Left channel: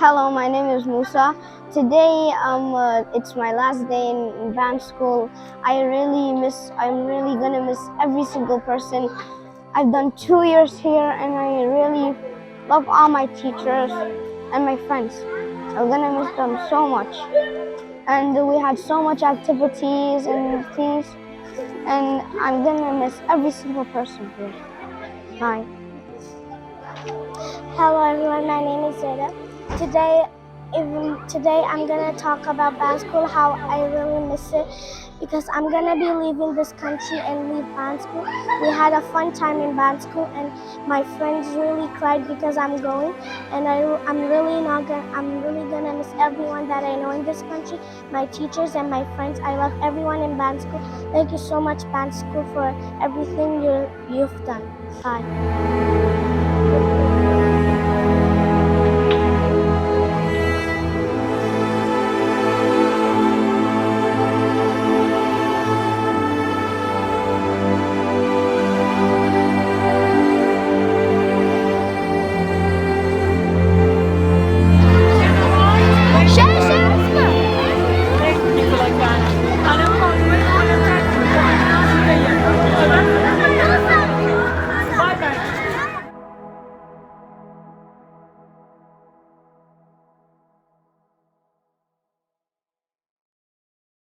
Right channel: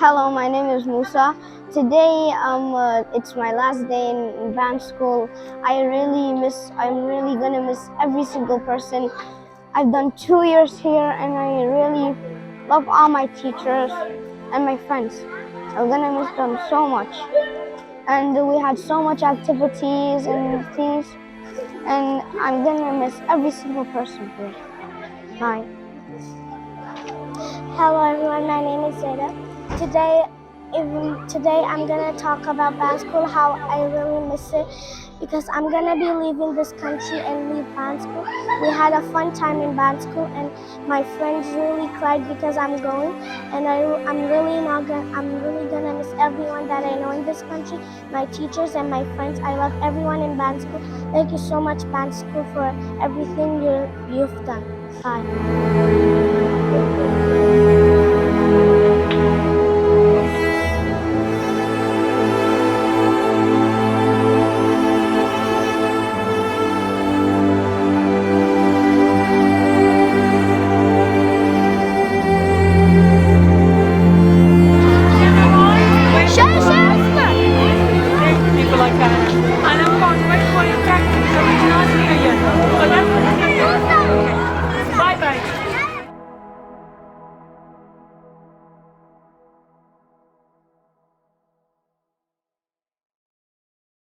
Hello, my name is Musa. Today, it's my last day in band school. I'm really gonna miss every single person. I've done 2 years here, and I really love all my teachers and my friends. I'm gonna miss them so much. And we had so much activities and things, and I'm gonna miss every single person here. Bye. Hello everyone, my name is Zeda. Today I'm gonna talk about band school, how I really miss it because I'm gonna be leaving this country and leave band school. We had a fun time in band school and my friends really cried because I'm going, and I'm really gonna miss everyone that I know in this country, my teachers and my friends. I love everyone in band school. Thank you so much, band school, for everything you've done. Bye.